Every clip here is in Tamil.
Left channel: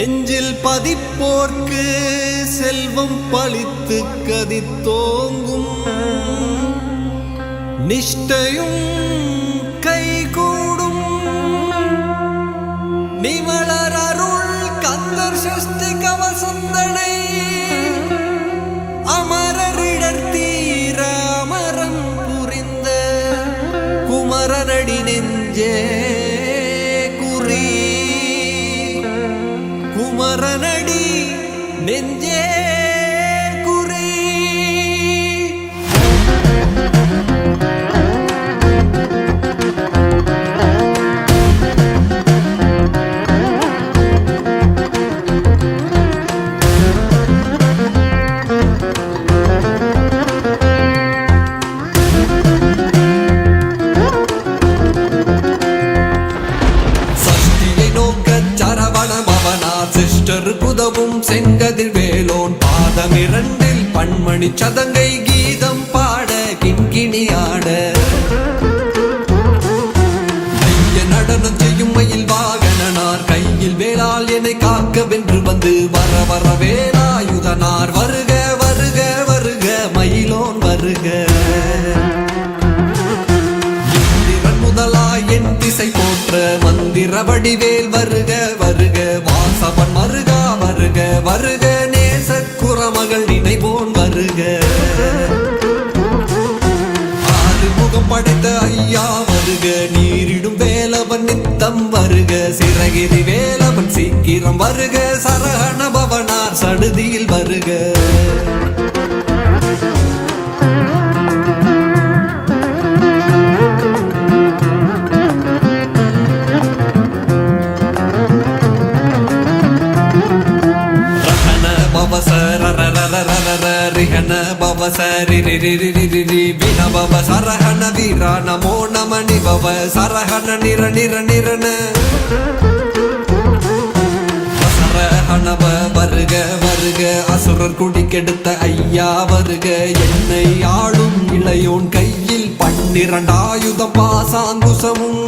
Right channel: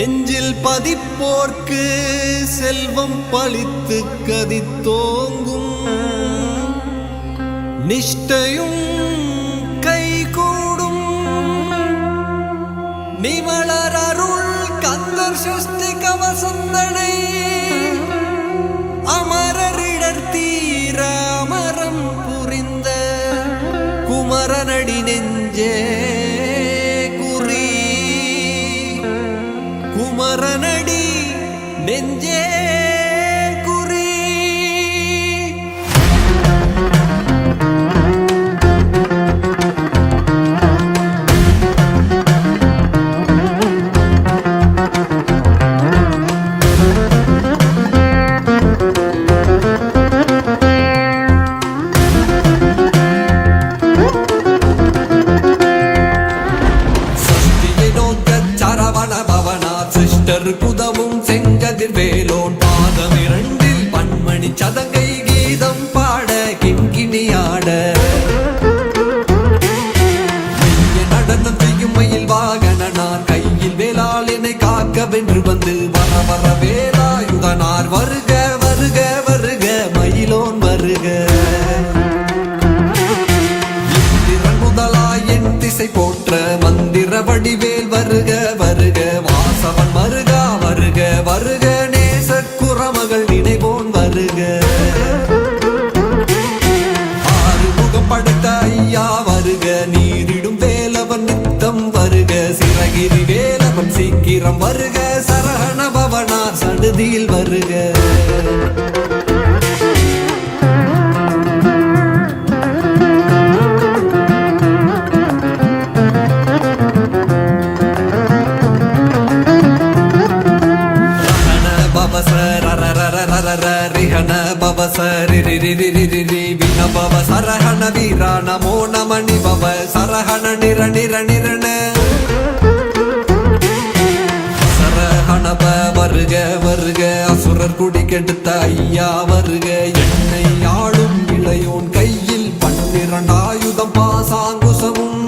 நெஞ்சில் பதிப்போர்க்கு செல்வம் பழித்து கதித்தோங்கும் நிஷ்டையும் கைகூடும் நிமலர் அருள் கந்தர் சஷ்டி கவசந்தனை அமரரிடர் தீர அமரம் புரிந்த குமரனடி நெஞ்சே குறி குமரனடி நெஞ்சே குறி. புதவும் செங்கதிர் வேலோன் பாதம் இரண்டில் பன்மணி சதங்கை கீதம் பாட கிண்கிணியாட நடனம் செய்யும் மயில் வாகனார் கையில் வேளால் என்னை காக்க வென்று வந்து வர வர வேலாயுதனார் வருக வருக வருக மயிலோன் வருக முதலாய் என் திசை போன்ற மந்திர வடிவேல் வருக வருக வாசவன் வருக வருக நேசர் குறமகன் நினைவோன் வருக ஆறுமுகம் படைத்த ஐயா வருக நீரிடும் வேலவன் நித்தம் வருக சிறகிரி வேலவன் சீக்கிரம் வருக சரஹண பவனார் சடுதியில் வருக சரஹண வீரா நமோ நம நிபவ சரஹண நிர நிர நிரண சரஹணவ வருக வருக அசுரர் குடி கெடுத்த ஐயா வருக என்னை ஆடும் இளையோன் கையில் 12 ஆயுதம் பாசாங்குசமும்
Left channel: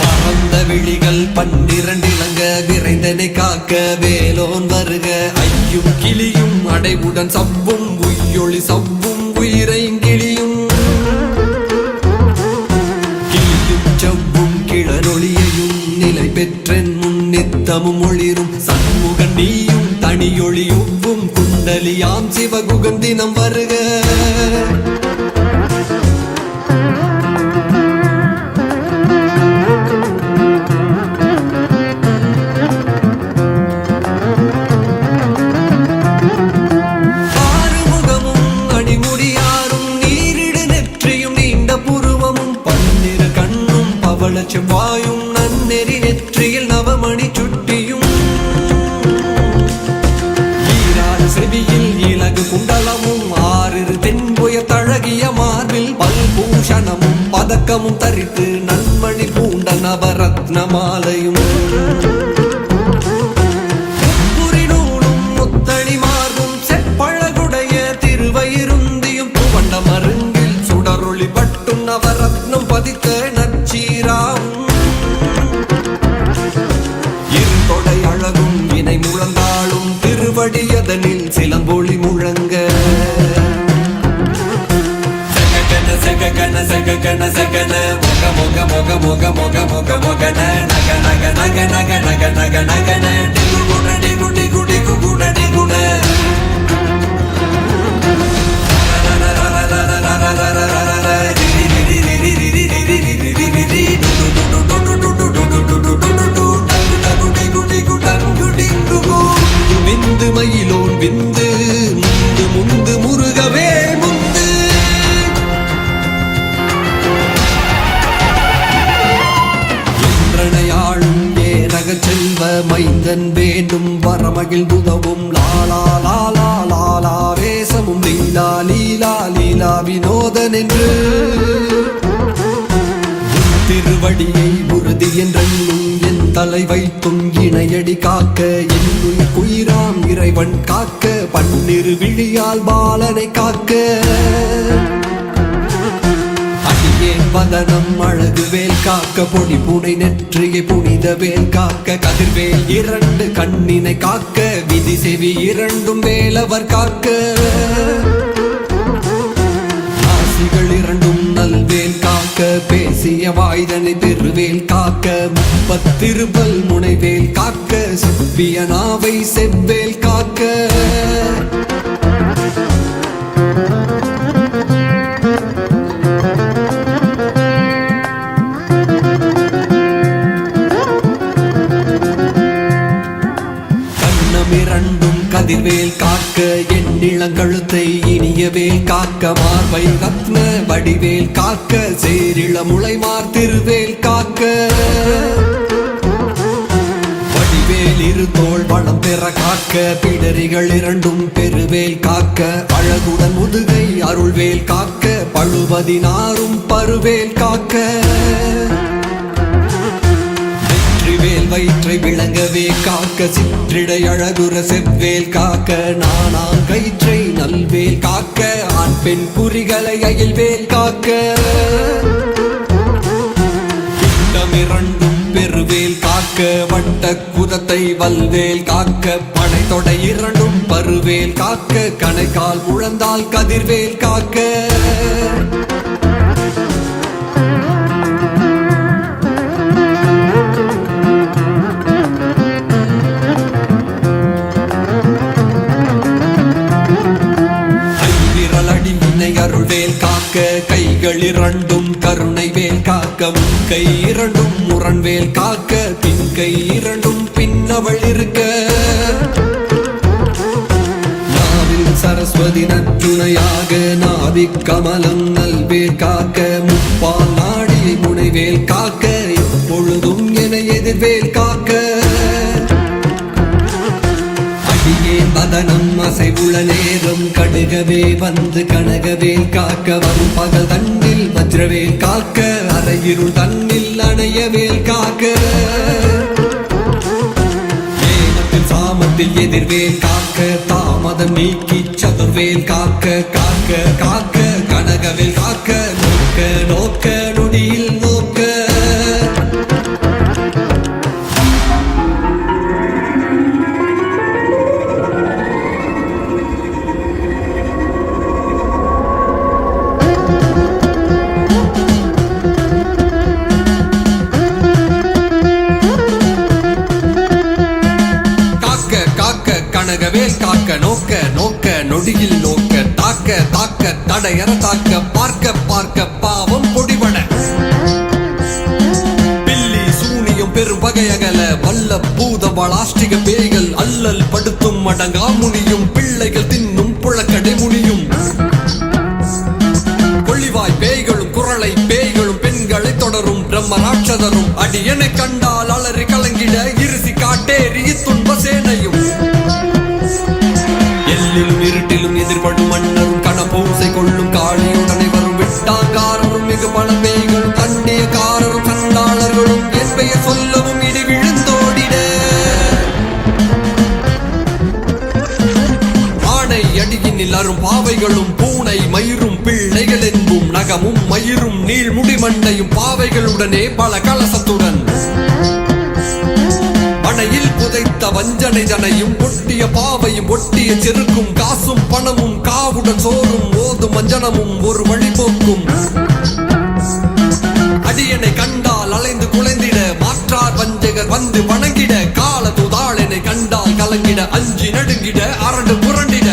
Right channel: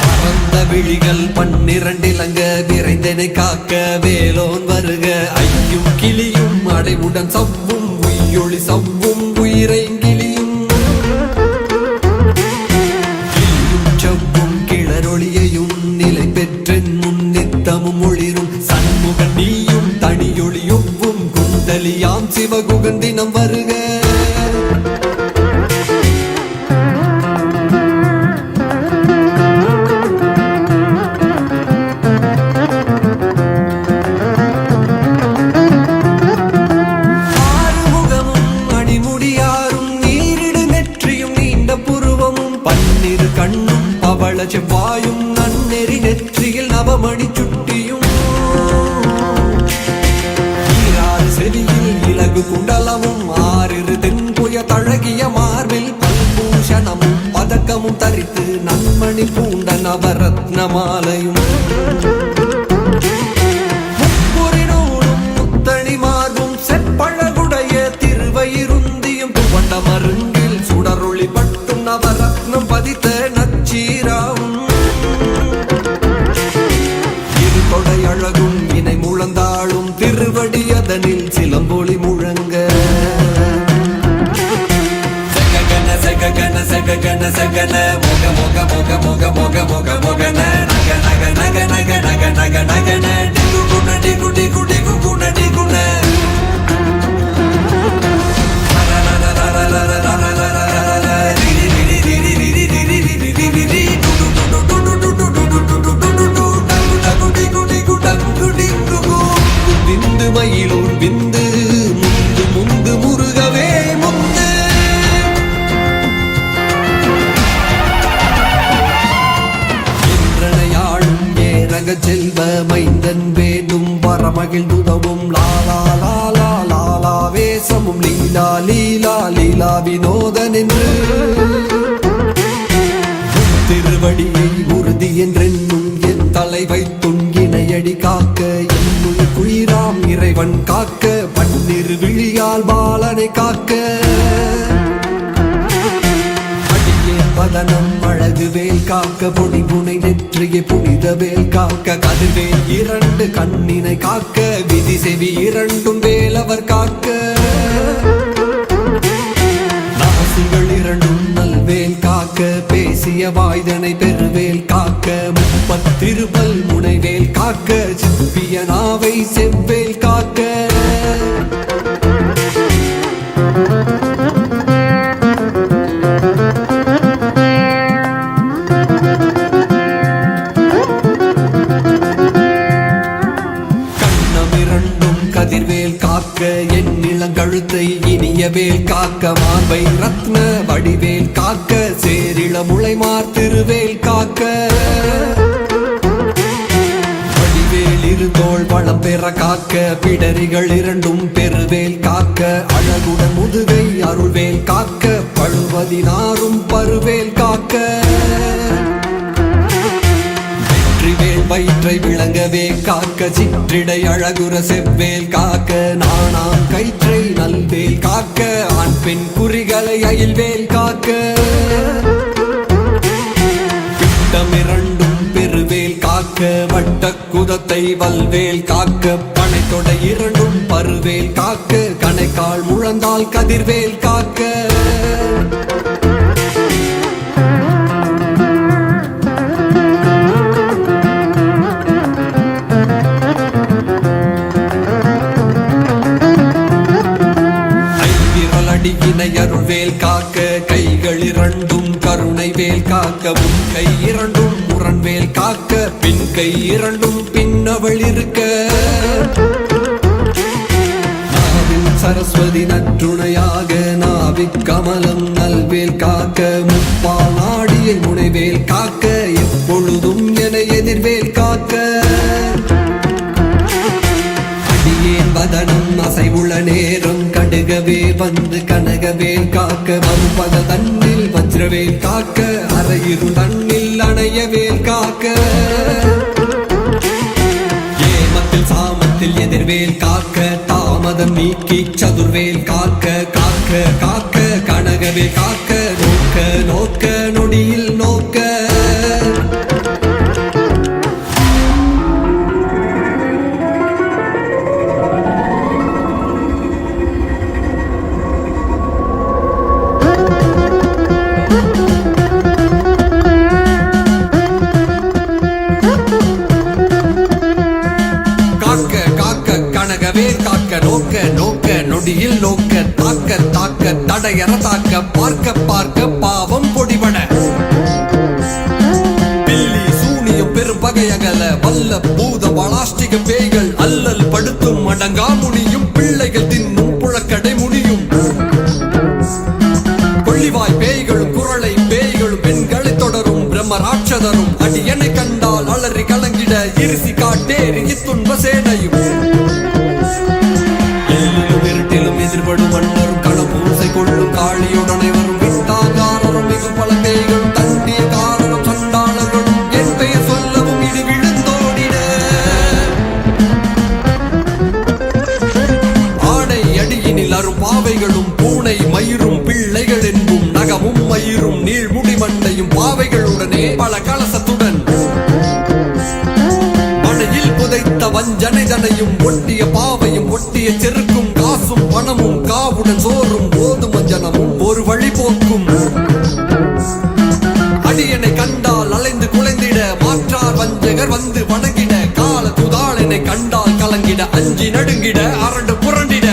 பரந்த விழிகள் 12 இலங்க நிறைந்தனை காக்க வேலோன் வருக ஐயும் கிளியும் அடைவுடன் சவ்வும் உயிரொளி சவ்வும் உயிரைங்கிளியும் கிளியும் சவ்வும் கிளரொளியையும் நிலை பெற்றென் முன்னித்தமும் ஒளிரும் சண்முகன் நீயும் தனியொளியுவும் குண்டலியாம் சிவகுகன் தினம் வருக செவ்வாயும் நன்னெறி நெற்றியில் நவமணி சுட்டியும் செவியில் இலகு குண்டலமும் 6 தென்புய தழகிய மார்பில் பல்பூஷணமும் பதக்கமும் தரித்து நன்மணி பூண்ட நவரத்ன மாலையும் ஒரு நூலும் முத்தணி மார்பும் செப்பழகுடைய திருவயிருந்தியும் பட்ட மருங்கில் சுடரொளி பட்டும் நவரத்னம் பதித்த நச்சீராவும் அழகும் இணை முழந்தாடும் திருவடியதனில் சிலம்பொலி முழங்க சககன சககன சககன சகன மொக மொக மொக மொக மொக மொக மொகன நக நக நக நக நக நக நகன டிகு குண டிகு டிகு டிகு குண டிகுண விந்து முந்து முந்து முருகவே முந்து ஆளும் ஏனக செல்வ மைந்தன் வேணும் வரமகிழ் உதவும் லாலா லாலா லாலா வேசமும் லீலா லீலா லீலா வினோதன் என்று திருவடியை உறுதி என்றும் என் தலை வைத்தும் இணையடி காக்க என் குயிராம் இறைவன் காக்க 12 விழியால் பாலனை காக்க அடியே பதனம் அழகுவே காக்க பொடி புனை நெற்றியை புனிதவே காக்க செவி இரண்டும் வேலவர் காக்க நாசிகள் இரண்டும் நல்வேல் காக்க பேசிய வாய்தனை பெருவேல் காக்க பத்திருப்பல் முனைவேல் காக்க சப்பிய நாவை செவ்வேல் காக்க கழுத்தை இனியவேல் காக்க மார்பை ரத்ன வடிவேல் காக்க சேரிள முளைமார் திருவேல் காக்க வடிவேல் இருந்தோள் வளம் பெற காக்க பிடரிகள் இரண்டும் பெருவேல் காக்க அழகுடன் முதுகை அருள்வேல் காக்க பழுவதினாரும் பருவேல் காக்க வெற்றிவேல் வயிற்றை விளங்கவே காக்க சிற்றிடை அழகுற செவ்வேல் காக்க நானா கயிற்றை நல்வேல் காக்க ஆண் பெண் குறிகளை அயல்வேல் காக்க இரண்டும் பெருவேல் காக்க வட்ட குரத்தை வல்வேல் காக்க படைத்தொடை இரண்டும் பருவேல் காக்க கணைக்கால் முழந்தால் கதிர்வேல் காக்க வேல் காக்க பின் கை இரண்டும் பின்னவள் இருக்க நாவில் சரஸ்வதி நற்றுணையாக நாவிக் கமலம் நல்வேல் காக்க முப்பால் நாடிய முனைவேல் காக்க எப்பொழுதும் என எதிர்வேல் காக்க அடியேன் வதனம் அசைவுள்ள நேரம் கடுகவே வந்து கனகவேல் காக்க வம்பகல் தன்னில் வஜ்ரவேல் காக்க அரையிருள் தன்னில் அணையவேல் காக்க ஏமத்தில் சாமத்தில் எதிர்வேல் காக்க தாமதம் நீக்கி சதுர்வேல் காக்க காக்க காக்க கனகவேல் காக்க நோக்க நோக்க நொடியில் நோக்க பார்க்க பார்க்க பாவம் பொடிபட பில்லி சூனியும் பெரும் பகையகல வல்ல பூத பலாஷ்டிக பேய்கள் அல்லல் படுத்தும் அடங்கா முடியும் பிள்ளைகள் தின்னும் புழக்கடை முடியும் கொள்ளிவாய் பேய்களும் குரலை பேய்களும் பெண்களை தொடரும் பிரம்ம ராட்சதரும் அடியனை கண்டால் அலறி கலங்கிட இருசி காட்டேறி துன்ப சேனையும் எல்லிலும் இருட்டிலும் எதிர்படும் மன்னரும் கணப்பூசை கொள்ளும் காளியும் அனைவரும் வெட்டாகாரரும் மிகு பல பேய்களும் தண்டிய காரரும் சண்டாளர்களும் என் பெயர் சொல்லவும் இடி விழுந்தோடிட ஆணை அடியினில் அரும் பாவைகளும் பூனை மயிரும் பிள்ளைகள் என்பும் நகமும் மயிரும் நீள்முடி மண்டையும் பாவைகளுடனே பல கலசத்துடன் மழையில் புதைத்த வஞ்சனை தனையும் ஒட்டிய பாவையும் ஒட்டிய செருக்கும் காசும் பணமும் காவுடன் சோறும் ஓதும் மஞ்சனமும் ஒரு வழி போக்கும் அடியனை கண்டால் அலைந்து குலைந்திட மாற்றார் வஞ்சகர் வந்து வணங்கிட கால துதாளனை கண்டால் கலங்கிட அஞ்சி நடுங்கிட அரண்டு புரண்டிட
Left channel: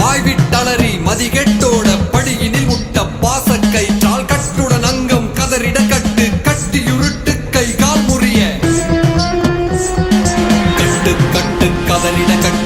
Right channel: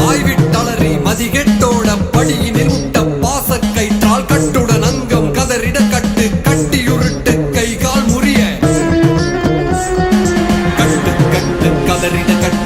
வாய்விட்டளறி மதிகெட்டோட படியினில் முட்ட பாசக்கயிற்றால் கட்டுடன் அங்கம் கதறிட கட்டு கட்டியுருட்டு கை கால் முறிய கட்டு கட்டு கதறிட கட்டு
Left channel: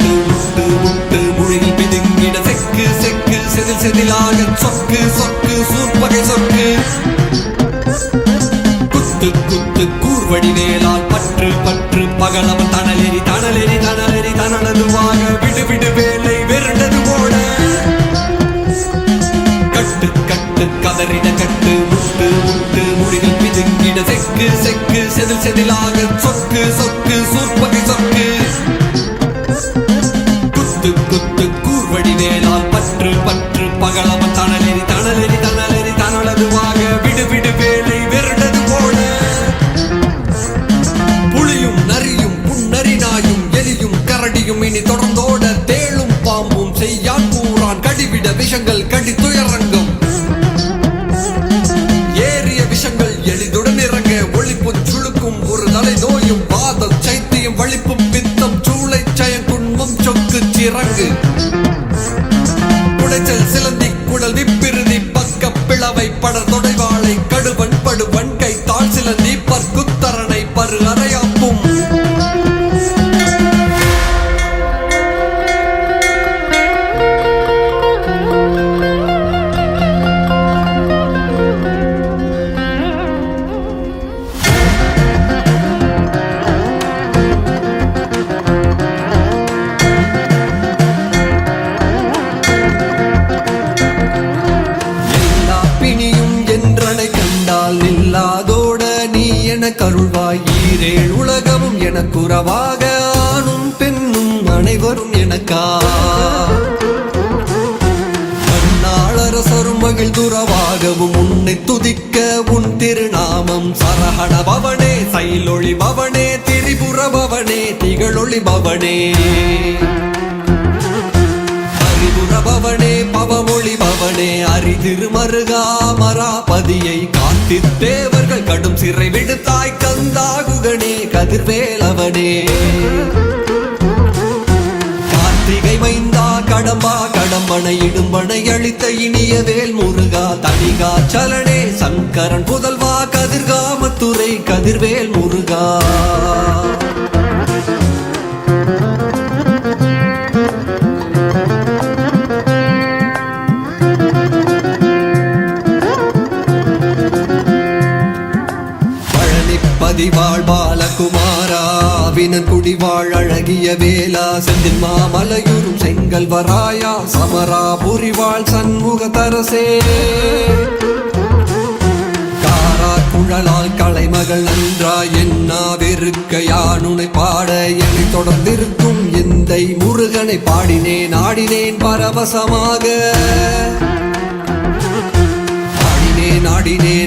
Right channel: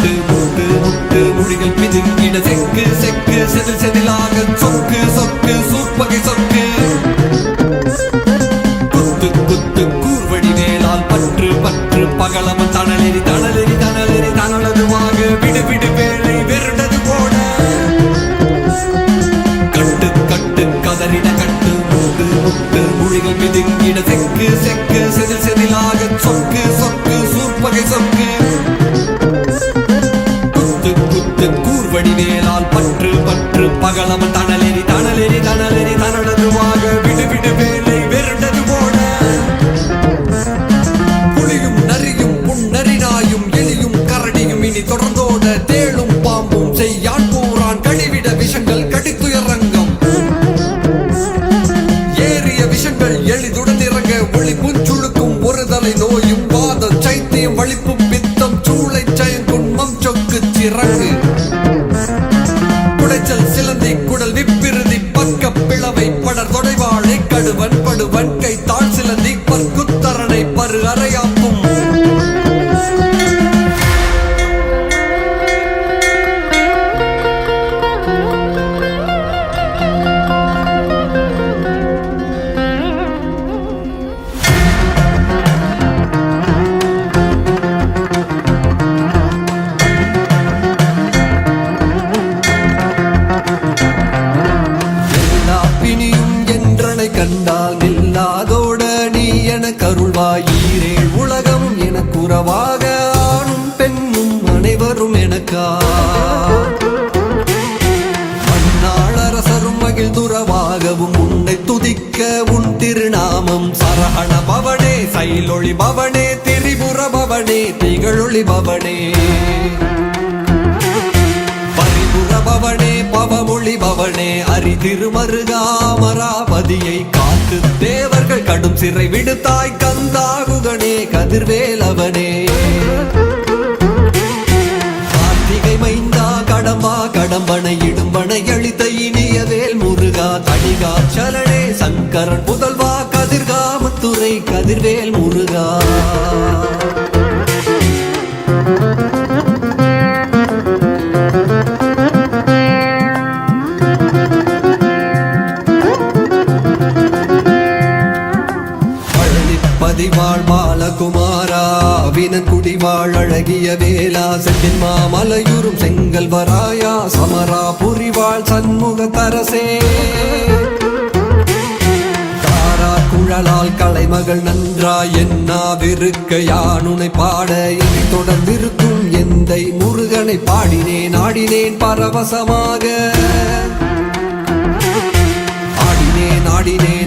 பவனே திகழொளி பவனே பரிபுர பவனே பவமொழி பவனே அரி திருமருகாமராபதியை காத்தி தேவர்கள் கடும் சிறை விடுத்தாய் கந்தாகுகனே கதிர்வேலவனே கார்த்திகை மைந்தா கடம்பா கடம்பனை இடும்பனை அழித்த இனிய வேல் முருகா தணிகா சரணே சங்கரன் புதல்வா கதிர்காமத்துறை கதிர்வேல் முருகா பதிவாழ் பாலகுமாரா வினகுடிவாழ் அழகிய வேலா செந்தில் மாமலையுறும் செங்கல் வராயா சமராபுரிவாழ் சண்முக தரசே தாரா குழலால் கலைமகள் நன்றாய் என்னா வெறுக்க யானுனை பாட என்னை தொடர்ந்திருக்கும் எந்தை முருகனை பாடினேன் ஆடினேன் பரவசமாக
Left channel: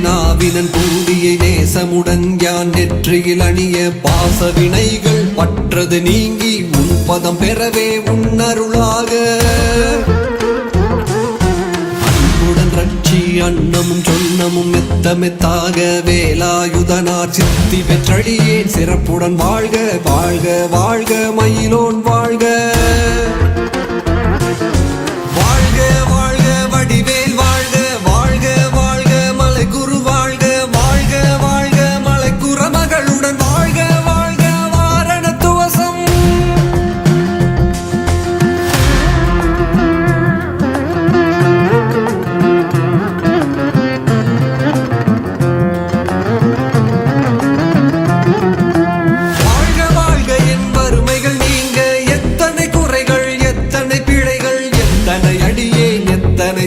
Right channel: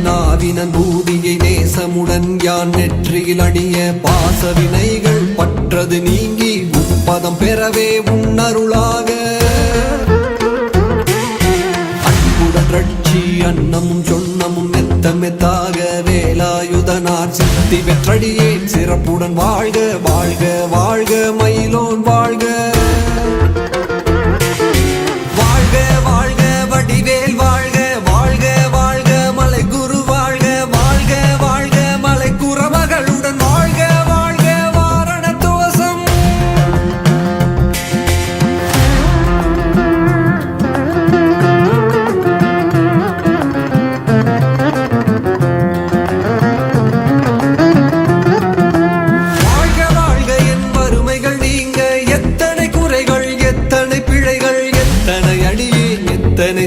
நாவினன் பூதியை நேசமுடன் யான் நெற்றியில் அணிய பாச வினைகள் பற்றது நீங்கி பதம் பெறவே உன்னருளாக அன்புடன் ரட்சி அன்னமும் சொன்னமும் மெத்த மெத்தாக வேலாயுதனார் சித்தி வெற்றழியேன் சிறப்புடன் வாழ்க வாழ்க வாழ்க மயிலோன் வாழ்க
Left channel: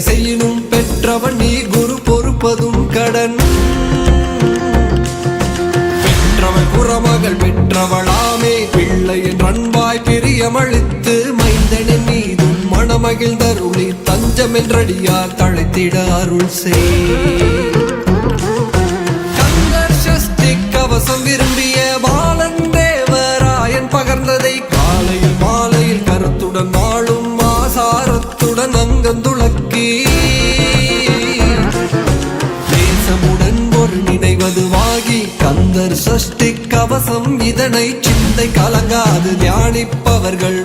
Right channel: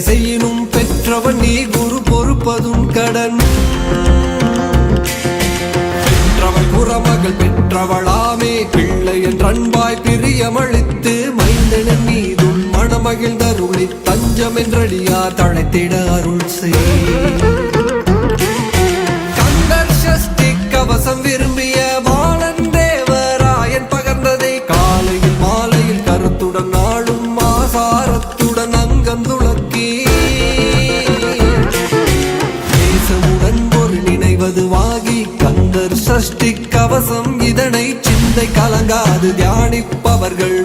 செய்யினும் பெற்றவன் நீ குரு பொறுப்பதும் கடன் பெற்றவள் குறமகள் பெற்றவளாமே பிள்ளையின் அன்பாய் பிரியமளித்து மைந்தனின் மீதும் மணமகிழ்ந்தருளி தஞ்சமென்றடியார் தழைத்திட அருள் செய் கந்தசஷ்டி கவசம் விரும்பிய பாலன் தேவராயன் பகர்ந்ததை காலையில் மாலையில் கருத்துடன் நாளும் ஆசாரத்துடன் அங்கம் தேசமுடன் ஒரு நினைவதுவாகி கந்தர் சஷ்டி கவசம் இதனை சிந்தை கலங்காது தியானிப்பவர்கள்